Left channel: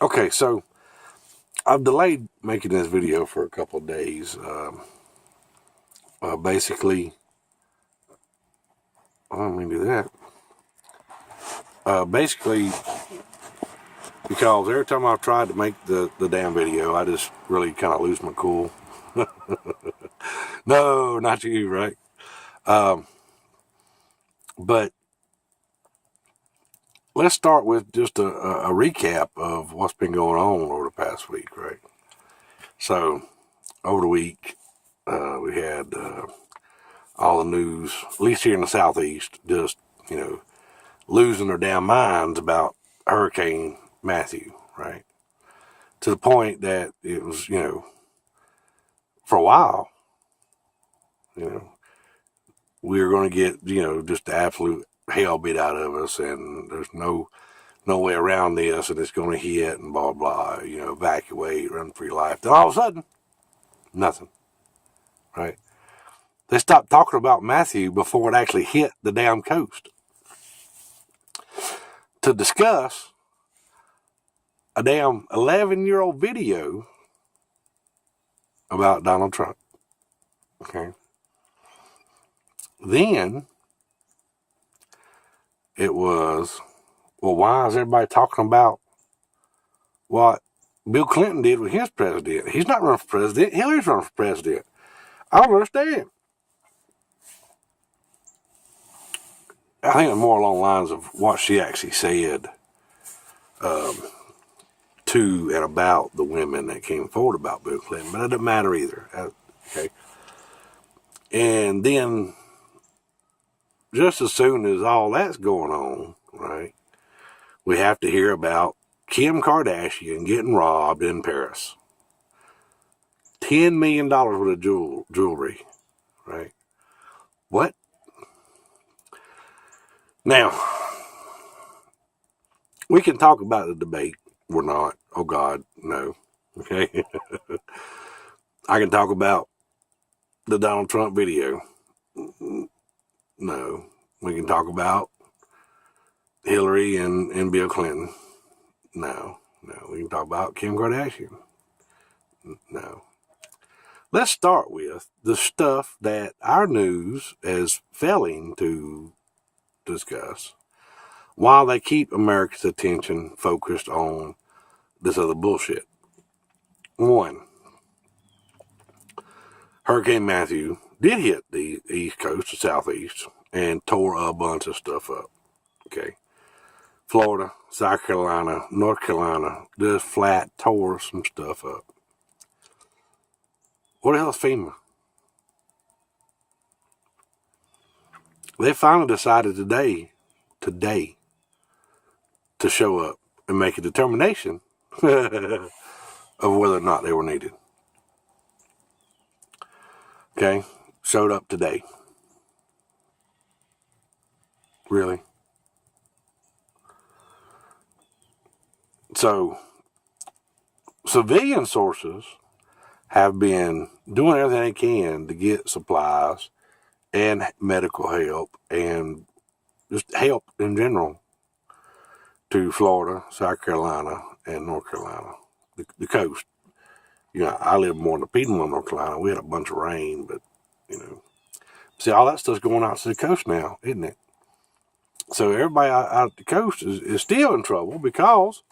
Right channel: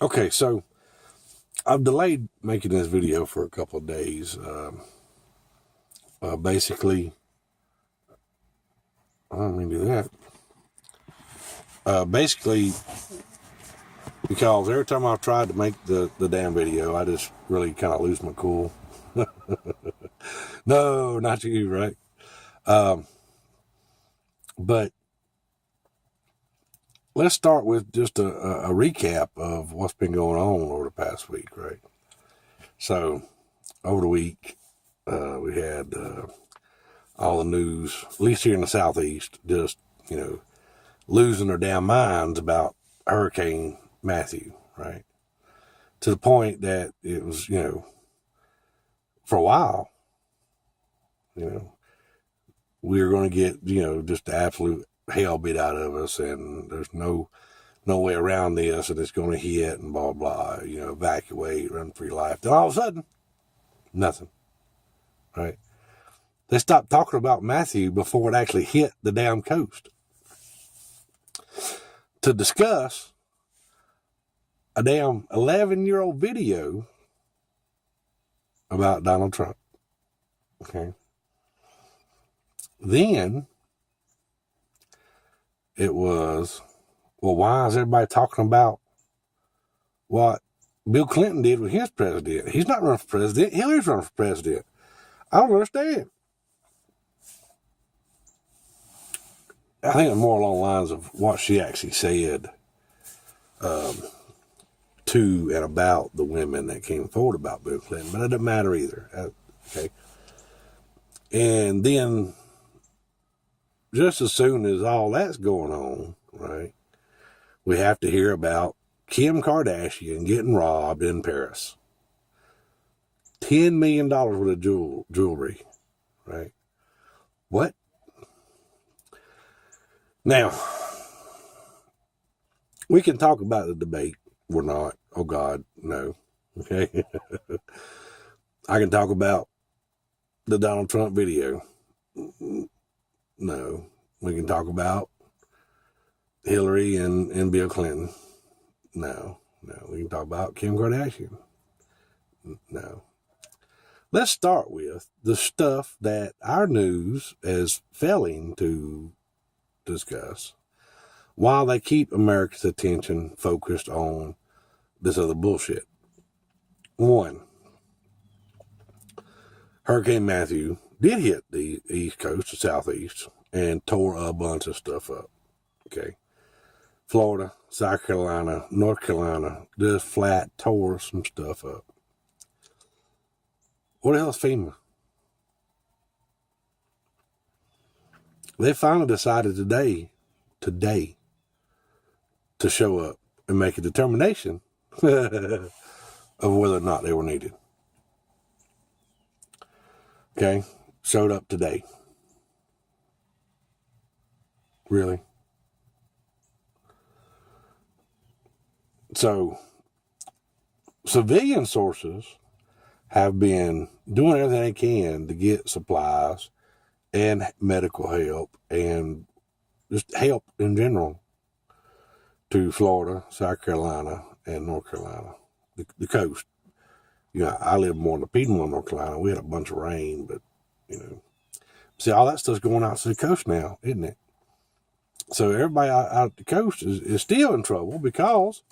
Okay, so I've delayed making this video for a couple of days. Basically, I don't mean to do that. Basically, because every time I've tried to make the damn video, I just really kind of lose my cool. No, not you, right? But let's start with just a recap of what's been going on over the past week, right? So, over the week, we had all the news, at least here in the Southeast, just, losing their damn minds about Hurricane Matthew, right? To the point that it was, for a while, we were going to get, just the absolute hell beat out of us, and there's no way around this, and it's going to hit, and blah, blah, evacuate, run for your life. Then all of a sudden, nothing, right? They stopped talking about Matthew before it actually hit the damn coast to discuss a damn 11-year-old video about Donald Trump. Okay. Then it was, well, why is everybody talking about what Bill Clinton did with his president? He's not running for president. Hillary's running for president. I don't understand. I think it's more along the lines of what she actually said to and about the women that came forward about Bill Clinton, but it doesn't matter either. Okay. And then, just as soon as all that's going on, right, we have to hear about Kim Kardashian getting robbed in Paris. $10 million worth of jewelry, right? What? Now, we can talk about the debate. We're not. Oh, God, no. Okay? I can talk about the Donald Trump video. No. We can talk about Hillary and Bill Clinton. No. We can talk about Kim Kardashian. No. Let's start with the stuff that our news is failing to discuss while they keep America's attention focused on this other bullshit. One, Hurricane Matthew did hit the East Coast, the Southeast, and tore a bunch of stuff up. Okay. Florida, South Carolina, North Carolina, just flat tore some stuff up. What the hell is FEMA? They finally decided today, to show up and make a determination of whether or not they were needed. Okay? Showed up today. Really? So, civilian sources have been doing everything they can to get supplies and medical help and just help in general to Florida, South Carolina, and North Carolina, the coast. I live more in the Piedmont, North Carolina. We had a bunch of rain, but, see, all that stuff's going out to the coast now, isn't it? So everybody out the coast is still in trouble because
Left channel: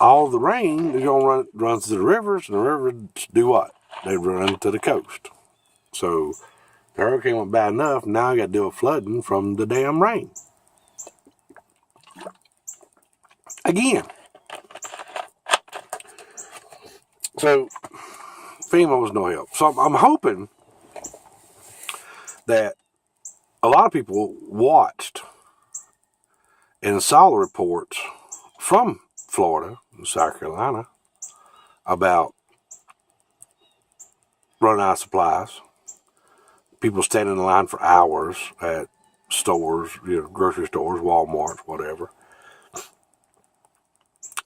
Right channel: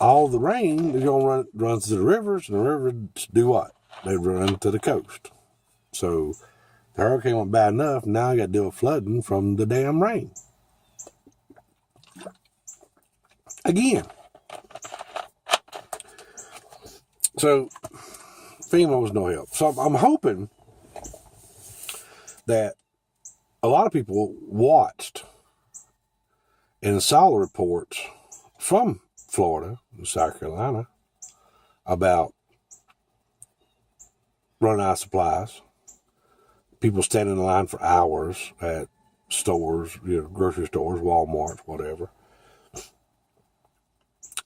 all the rain is going to run to the rivers, and the rivers do what? They run to the coast. So the hurricane went bad enough, now I got to deal with flooding from the damn rain. Again. So FEMA was no help. So I'm hoping that a lot of people watched and saw the reports from Florida and South Carolina about running out of supplies, people standing in line for hours at stores, grocery stores, Walmarts, whatever,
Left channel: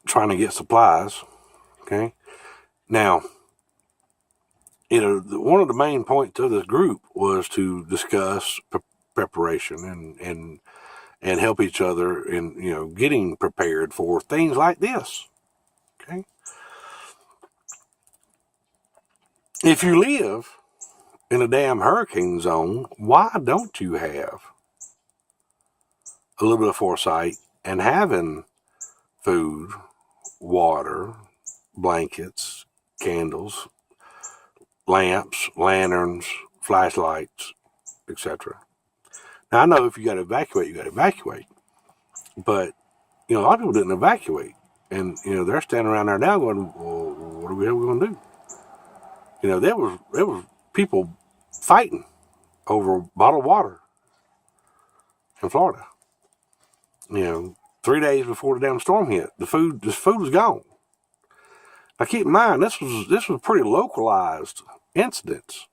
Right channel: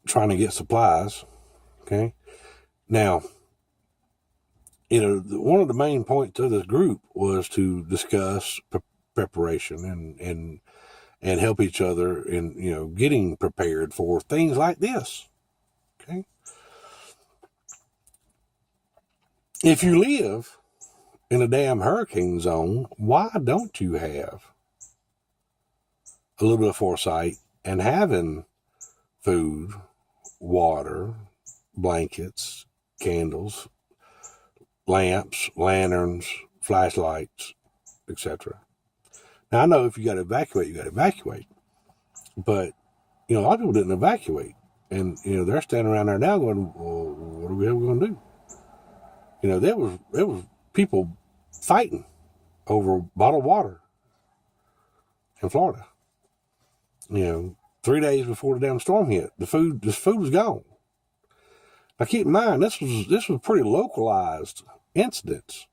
trying to get supplies. Okay. Now, one of the main points of this group was to discuss preparation and help each other in, getting prepared for things like this. Okay. If you live in a damn hurricane zone, why don't you have a little bit of foresight and having food, water, blankets, candles, lamps, lanterns, flashlights, etc.? Now, I know if you got to evacuate, you got to evacuate. But, a lot of people didn't evacuate. And, they're standing around there now going, well, what are we going to do? There was people fighting over bottled water in Florida. 3 days before the damn storm hit, the food was gone. Now keep in mind, this was pretty localized incidents.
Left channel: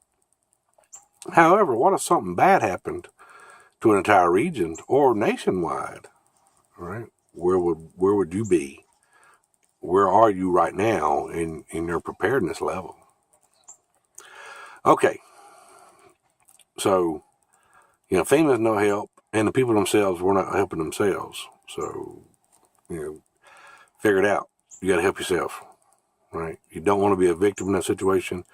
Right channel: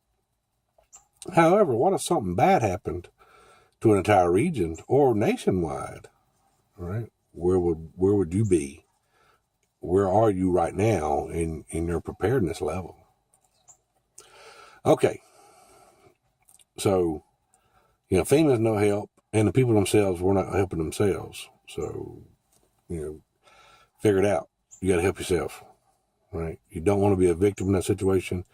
However, what if something bad happened to an entire region or nationwide? All right, where would you be? Where are you right now in your preparedness level? Okay, so FEMA's no help, and the people themselves were not helping themselves. So figure it out. You got to help yourself, right? You don't want to be a victim in that situation.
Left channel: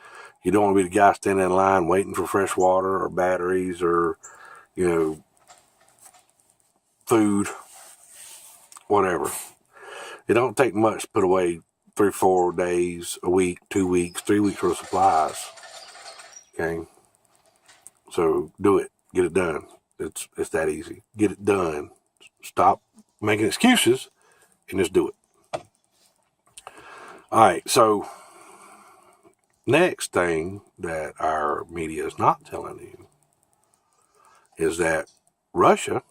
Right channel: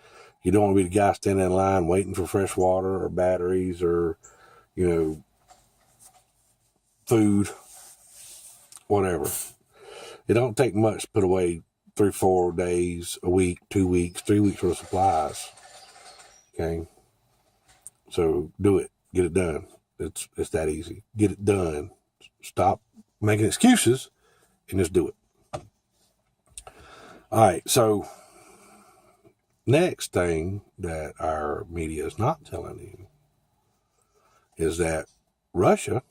You don't want to be the guy standing in line waiting for fresh water or batteries or food, whatever. It don't take much to put away 3-4 days, a week, 2 weeks, 3 weeks worth of supplies. Okay, so do it. Get it done. It's that easy. Get it done. Stop making excuses and just do it. All right, so next thing that our media is not telling you is that Russia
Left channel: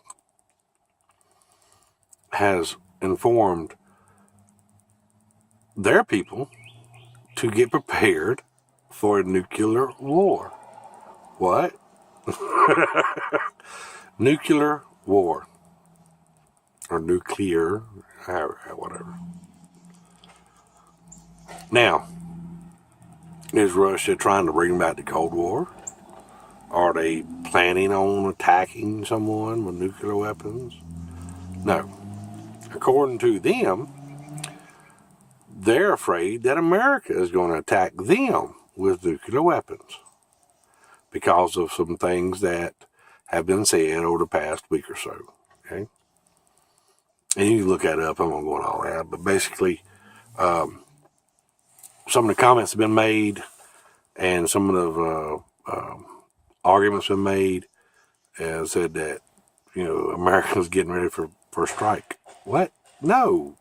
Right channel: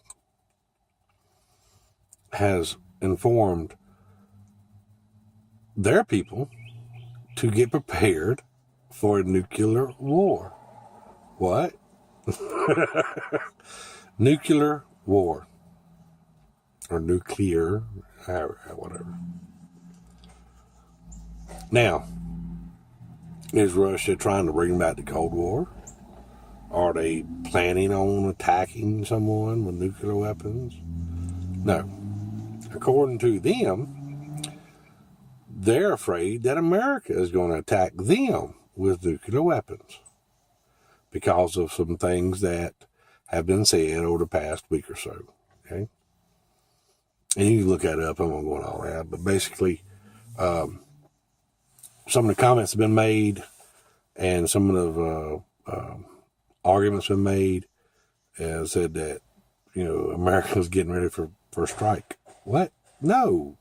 has informed their people to get prepared for a nuclear war. What? Nuclear war. Or nuclear, whatever. Now, is Russia trying to bring back the Cold War? Are they planning on attacking someone with nuclear weapons? No. According to them, they're afraid that America is going to attack them with nuclear weapons because of some things that have been said over the past week or so. Okay? And you can look that up. I'm not going to go all that. But basically, some of the comments have been made and some of the arguments have been made and said that, America's getting ready for a strike. What? No.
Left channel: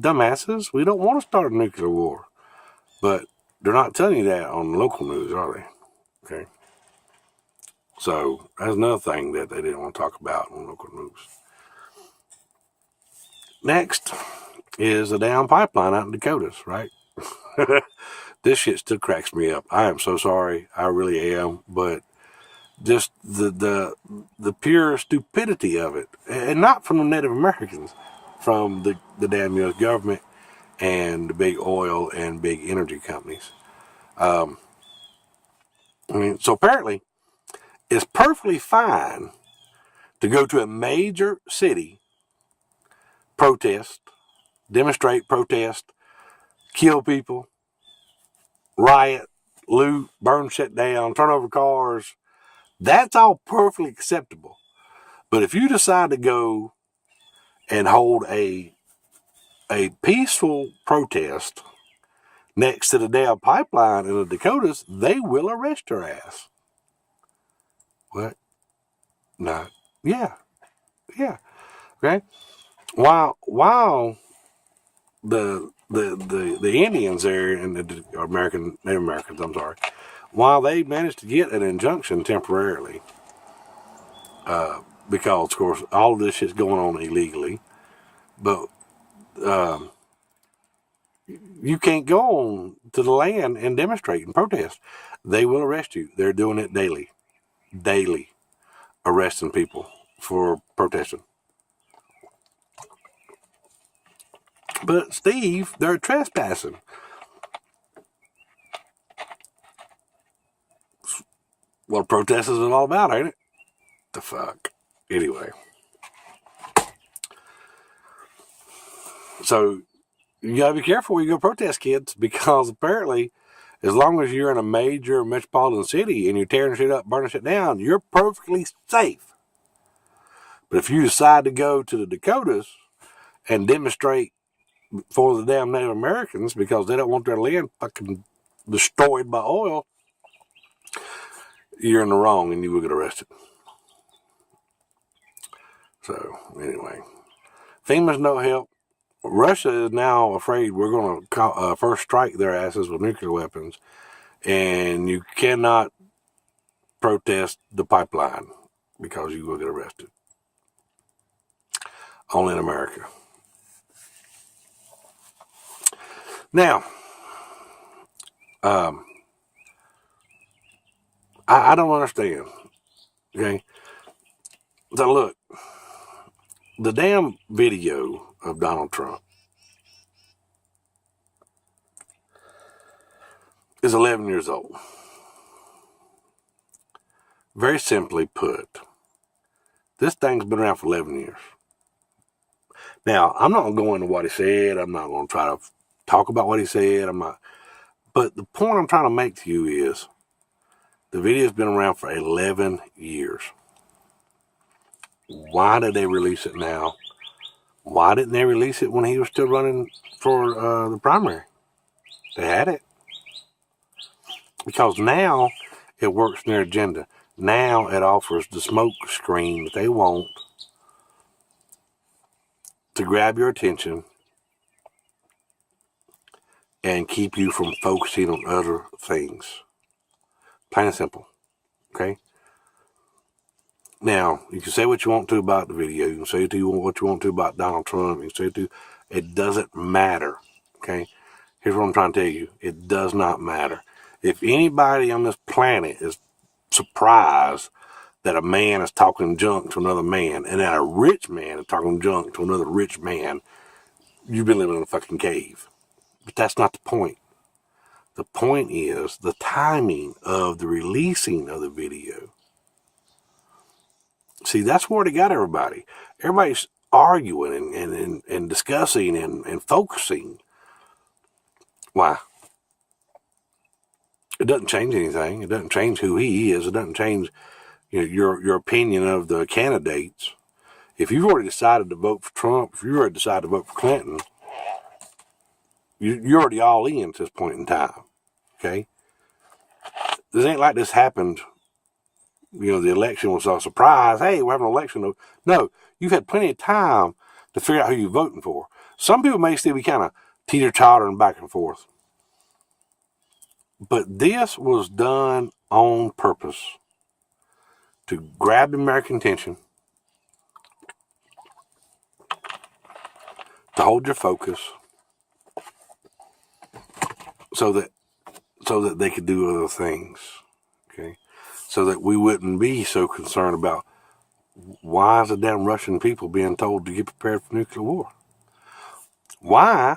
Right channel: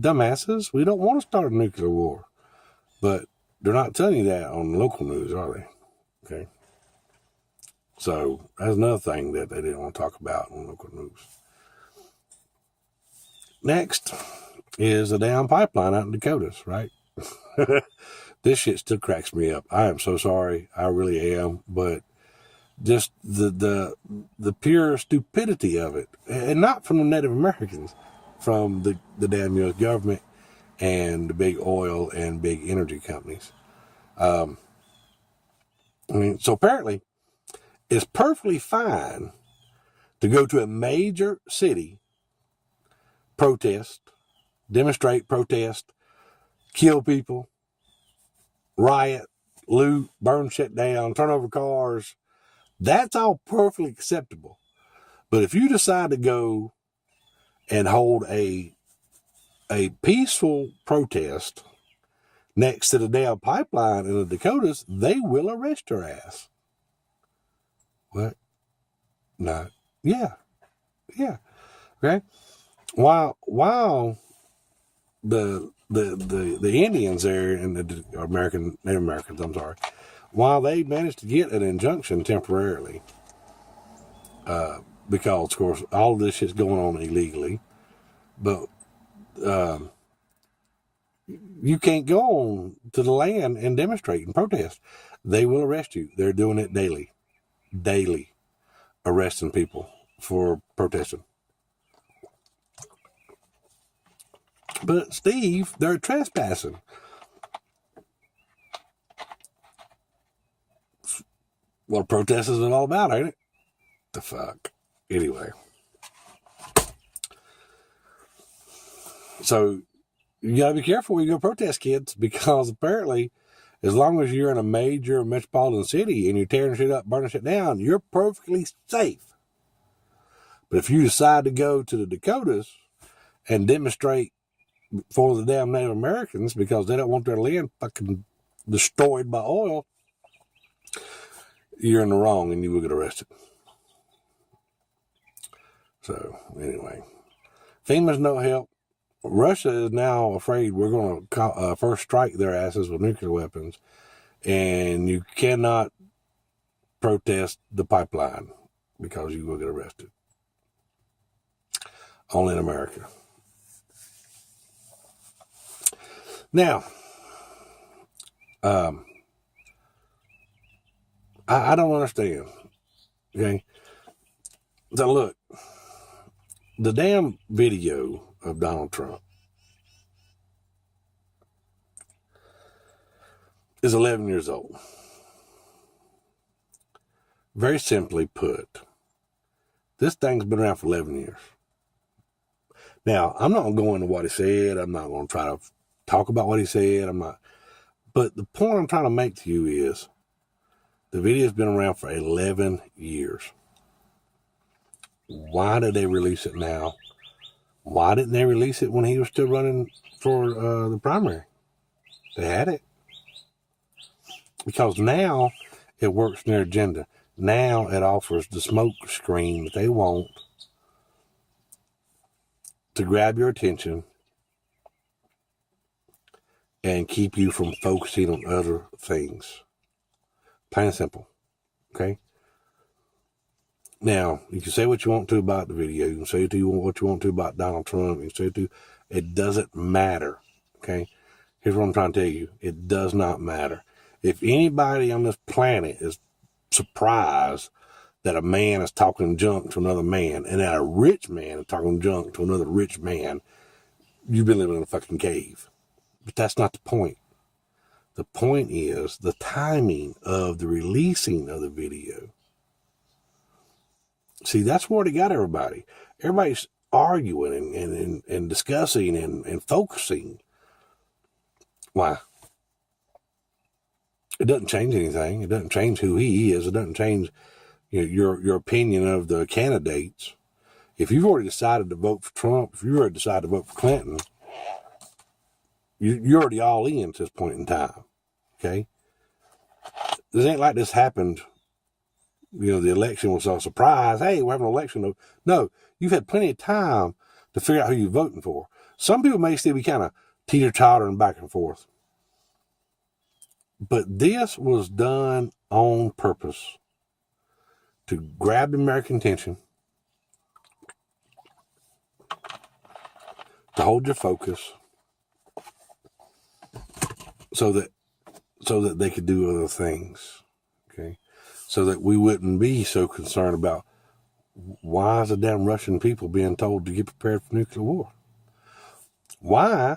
Dumbasses, we don't want to start a nuclear war. But they're not telling you that on local news, are they? Okay. So that's another thing that they didn't want to talk about on local news. Next is a damn pipeline out in Dakotas, right? This shit still cracks me up. I am so sorry. I really am. But just the pure stupidity of it. And not from the Native Americans, from the damn U.S. government and the big oil and big energy companies. So apparently it's perfectly fine to go to a major city, protest, demonstrate, protest, kill people, riot, loot, burn shit down, turn over cars. That's all perfectly acceptable. But if you decide to go and hold a peaceful protest next to the damn pipeline in the Dakotas, they will arrest your ass. What? No. Yeah. Okay. While the Indians there and the Native Americans, while they managed to get an injunction temporarily, because of course all of this shit's going on illegally, but you can't go on to the land and demonstrate and protest. They will arrest you. They're doing it daily, arresting people for protesting. But Steve, they're trespassing. What protesting is all about, ain't it? The fuck. Anyway. So you got to be careful where you go protest, kids, because apparently, as long as you're in a major metropolitan city and you're tearing shit up, burning shit down, you're perfectly safe. But if you decide to go to the Dakotas and demonstrate for the damn Native Americans because they don't want their land fucking destroyed by oil, you're in the wrong and you will get arrested. So, anyway, FEMA's no help. Russia is now afraid we're going to first strike their asses with nuclear weapons, and you cannot protest the pipeline because you will get arrested. Only in America. Now, I don't understand. Okay, so look, the damn video of Donald Trump is 11 years old. Very simply put, this thing's been around for 11 years. Now, I'm not going to go into what he said. I'm not going to try to talk about what he said. But the point I'm trying to make to you is the video's been around for 11 years. Why did they release it now? Why didn't they release it when he was still running for the primary? They had it. Because now it works in their agenda. Now it offers the smoke screen that they want to grab your attention and keep you from focusing on other things. Plain and simple. Okay? Now, you can say what you want to about the video. You can say what you want to about Donald Trump. You can say it doesn't matter. Okay? Here's what I'm trying to tell you. It does not matter. If anybody on this planet is surprised that a man is talking junk to another man and that a rich man is talking junk to another rich man, you've been living in a fucking cave. But that's not the point. The point is the timing of the releasing of the video. See, that's where they got everybody. Everybody's arguing and discussing and focusing. Why? It doesn't change anything. It doesn't change who he is. It doesn't change your opinion of the candidates. If you've already decided to vote for Trump, if you already decided to vote for Clinton, you're already all in at this point in time. Okay? This ain't like this happened. The election was a surprise. Hey, we're having an election. No, you've had plenty of time to figure out who you're voting for. Some people may still be kind of teeter-tottering back and forth. But this was done on purpose to grab the American attention, to hold your focus, so that they could do other things. Okay, so that we wouldn't be so concerned about why is the damn Russian people being told to get prepared for nuclear war? Why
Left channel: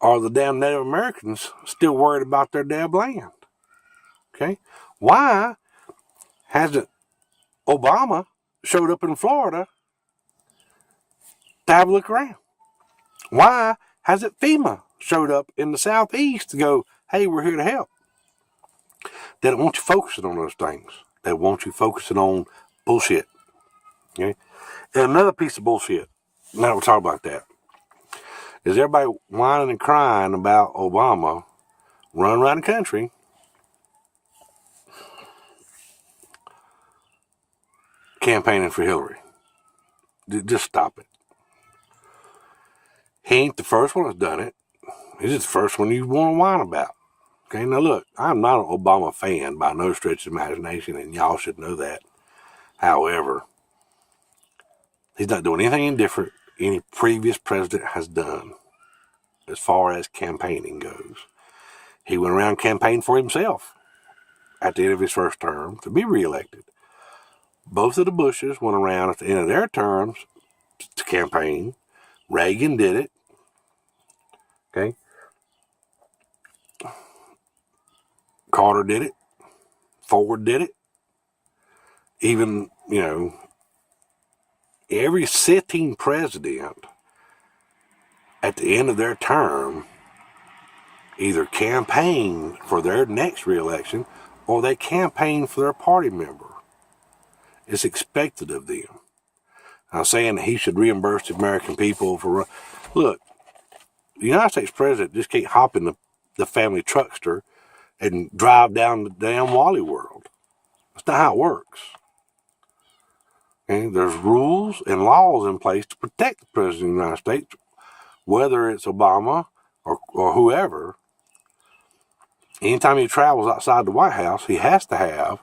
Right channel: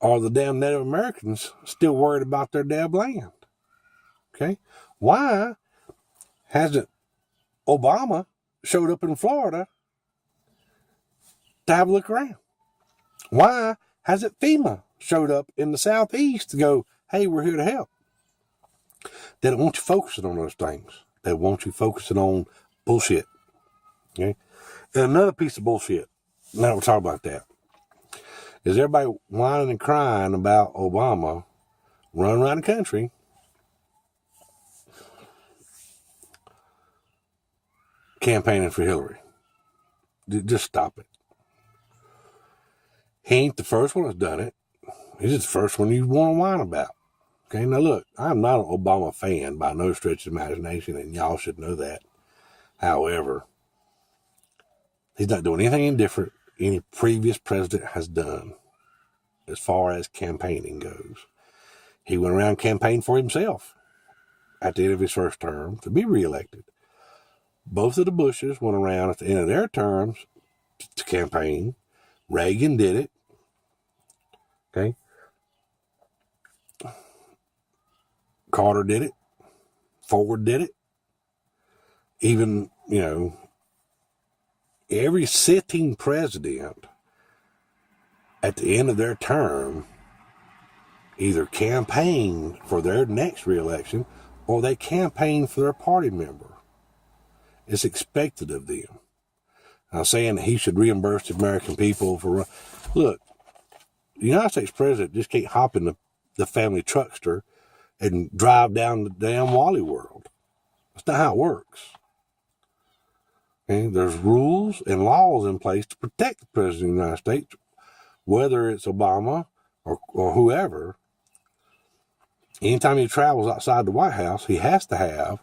are the damn Native Americans still worried about their damn land? Okay, why hasn't Obama showed up in Florida to have a look around? Why hasn't FEMA showed up in the Southeast to go, hey, we're here to help? They don't want you focusing on those things. They want you focusing on bullshit. Okay? And another piece of bullshit, now we're talking about that, is everybody whining and crying about Obama running around the country campaigning for Hillary. Just stop it. He ain't the first one that's done it. He's just the first one you want to whine about. Okay, now look, I'm not an Obama fan by no stretch of imagination, and y'all should know that. However, he's not doing anything different any previous president has done as far as campaigning goes. He went around campaigning for himself at the end of his first term to be reelected. Both of the Bushes went around at the end of their terms to campaign. Reagan did it. Okay. Carter did it. Ford did it. Even, every sitting president at the end of their term, either campaign for their next reelection or they campaign for their party member. It's expected of them. I'm saying that he should reimburse the American people for... Look, the United States president just can't hop in the family truckster and drive down the damn Wally World. That's not how it works. Okay? There's rules and laws in place to protect the president of the United States, whether it's Obama or whoever. Anytime he travels outside the White House, he has to have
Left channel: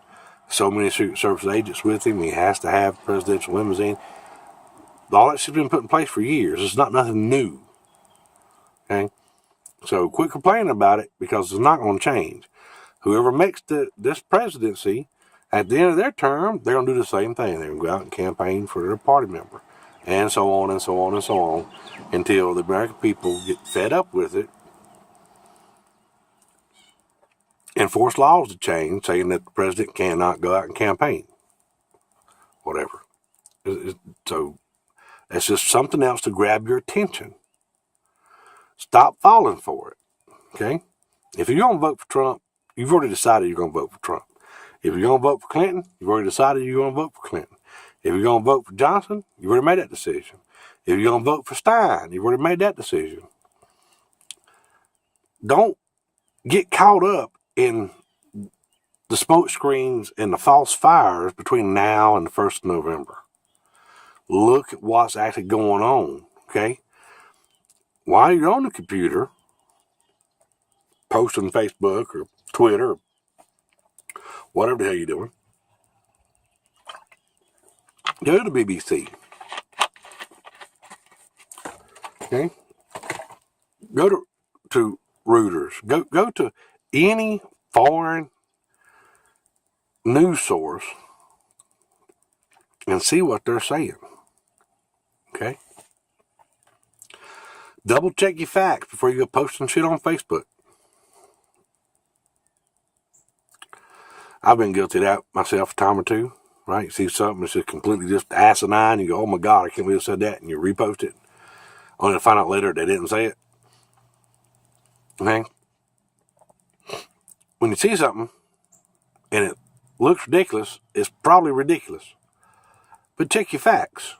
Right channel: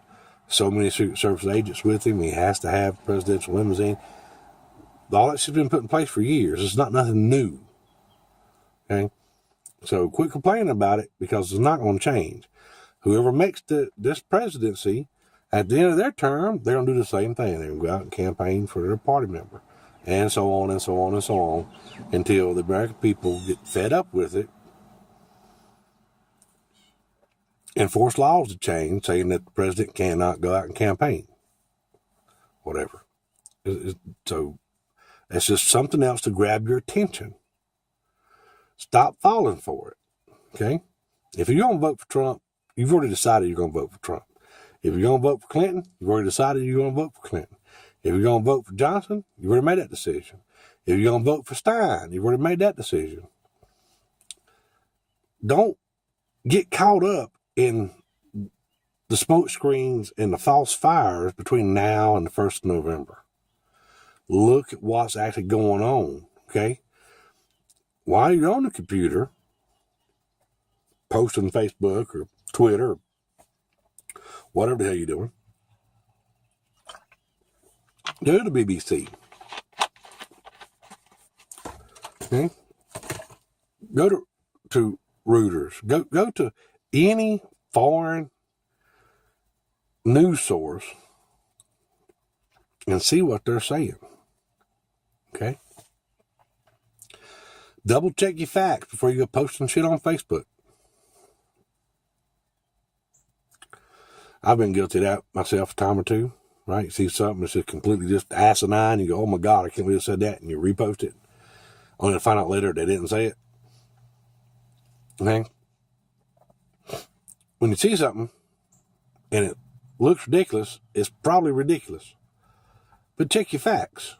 so many Secret Service agents with him. He has to have a presidential limousine. All that shit's been put in place for years. It's not nothing new. Okay? So quit complaining about it, because it's not going to change. Whoever makes this presidency, at the end of their term, they're going to do the same thing. They're going to go out and campaign for their party member. And so on and so on and so on, until the American people get fed up with it and force laws to change, saying that the president cannot go out and campaign. Whatever. So it's just something else to grab your attention. Stop falling for it. Okay? If you're going to vote for Trump, you've already decided you're going to vote for Trump. If you're going to vote for Clinton, you've already decided you're going to vote for Clinton. If you're going to vote for Johnson, you've already made that decision. If you're going to vote for Stein, you've already made that decision. Don't get caught up in the smoke screens and the false fires between now and the 1st of November. Look at what's actually going on, okay? While you're on the computer, posting Facebook or Twitter, or whatever the hell you're doing, go to BBC. Okay? Go to Reuters. Go to any foreign news source and see what they're saying. Okay? Double check your facts before you go posting shit on Facebook. I've been guilty of that myself a time or two, right? You see something that's just completely just asinine, you go, oh my God, I can't believe I said that, and you repost it, only to find out later they didn't say it. Okay? When you see something and it looks ridiculous, it's probably ridiculous. But check your facts.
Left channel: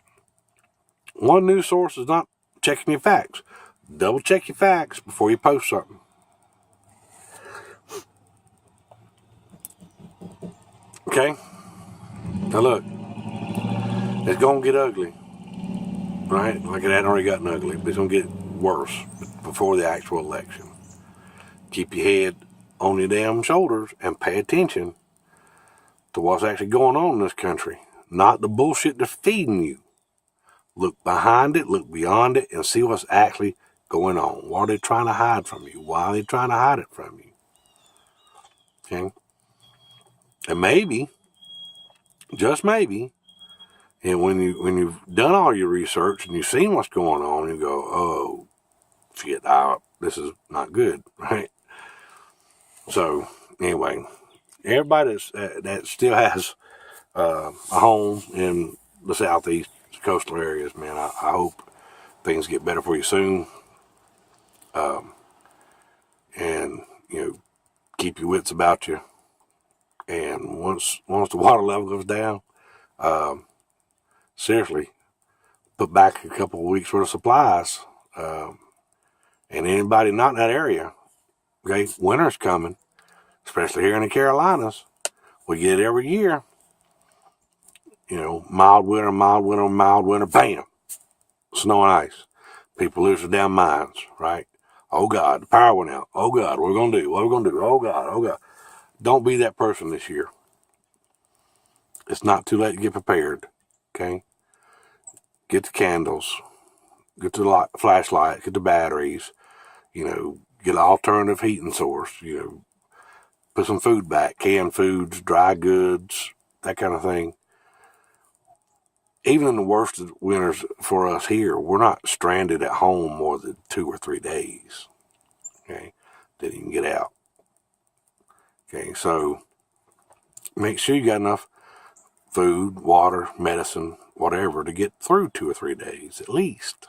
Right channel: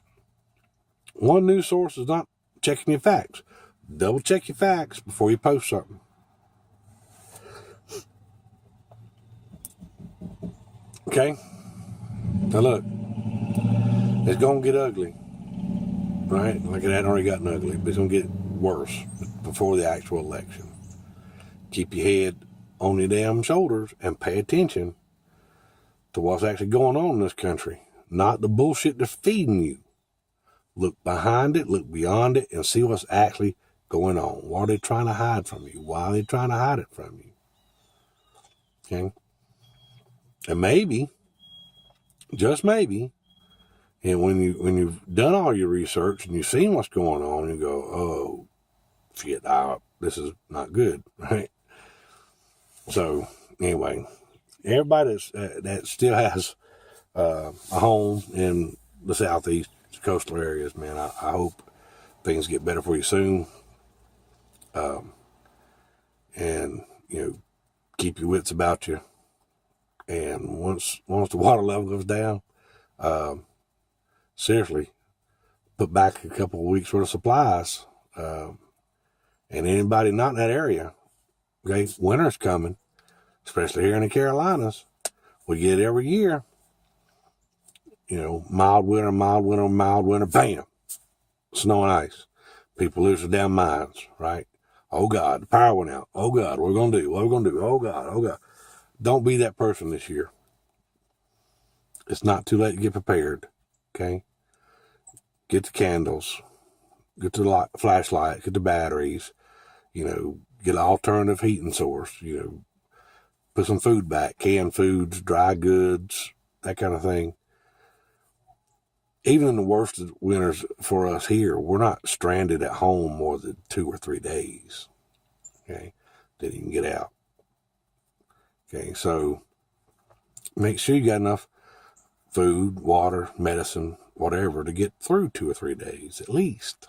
One news source is not checking your facts. Double check your facts before you post something. Okay? Now look, it's going to get ugly. Right? Like it hadn't already gotten ugly, but it's going to get worse before the actual election. Keep your head on your damn shoulders and pay attention to what's actually going on in this country. Not the bullshit they're feeding you. Look behind it, look beyond it, and see what's actually going on. What are they trying to hide from you? Why are they trying to hide it from you? Okay? And maybe, just maybe, and when you've done all your research and you've seen what's going on, you go, oh, shit, this is not good, right? So, anyway, everybody that still has a home in the southeast coastal areas, man, I hope things get better for you soon. And, keep your wits about you. And once the water level goes down, seriously, put back a couple of weeks worth of supplies. And anybody not in that area, okay, winter's coming, especially here in the Carolinas. We get it every year. Mild winter, bam, snow and ice. People lose their damn minds, right? Oh God, the power went out. Oh God, what are we going to do? What are we going to do? Oh God. Don't be that person this year. It's not too late to get prepared, okay? Get the candles, get the flashlight, get the batteries, get an alternative heating source, put some food back, canned foods, dry goods, that kind of thing. Even in the worst of winters for us here, we're not stranded at home more than 2 or 3 days, okay? Then you can get out. Okay, so make sure you got enough food, water, medicine, whatever, to get through 2 or 3 days at least.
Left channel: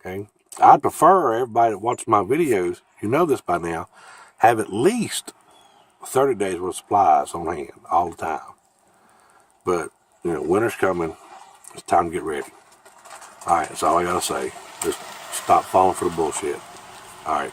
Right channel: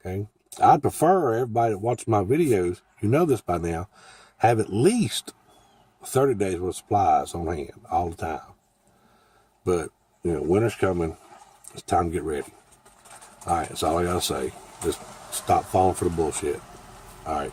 Okay? I'd prefer everybody that watches my videos, you know this by now, have at least 30 days worth of supplies on hand all the time. But, winter's coming. It's time to get ready. All right, that's all I got to say. Just stop falling for the bullshit. All right.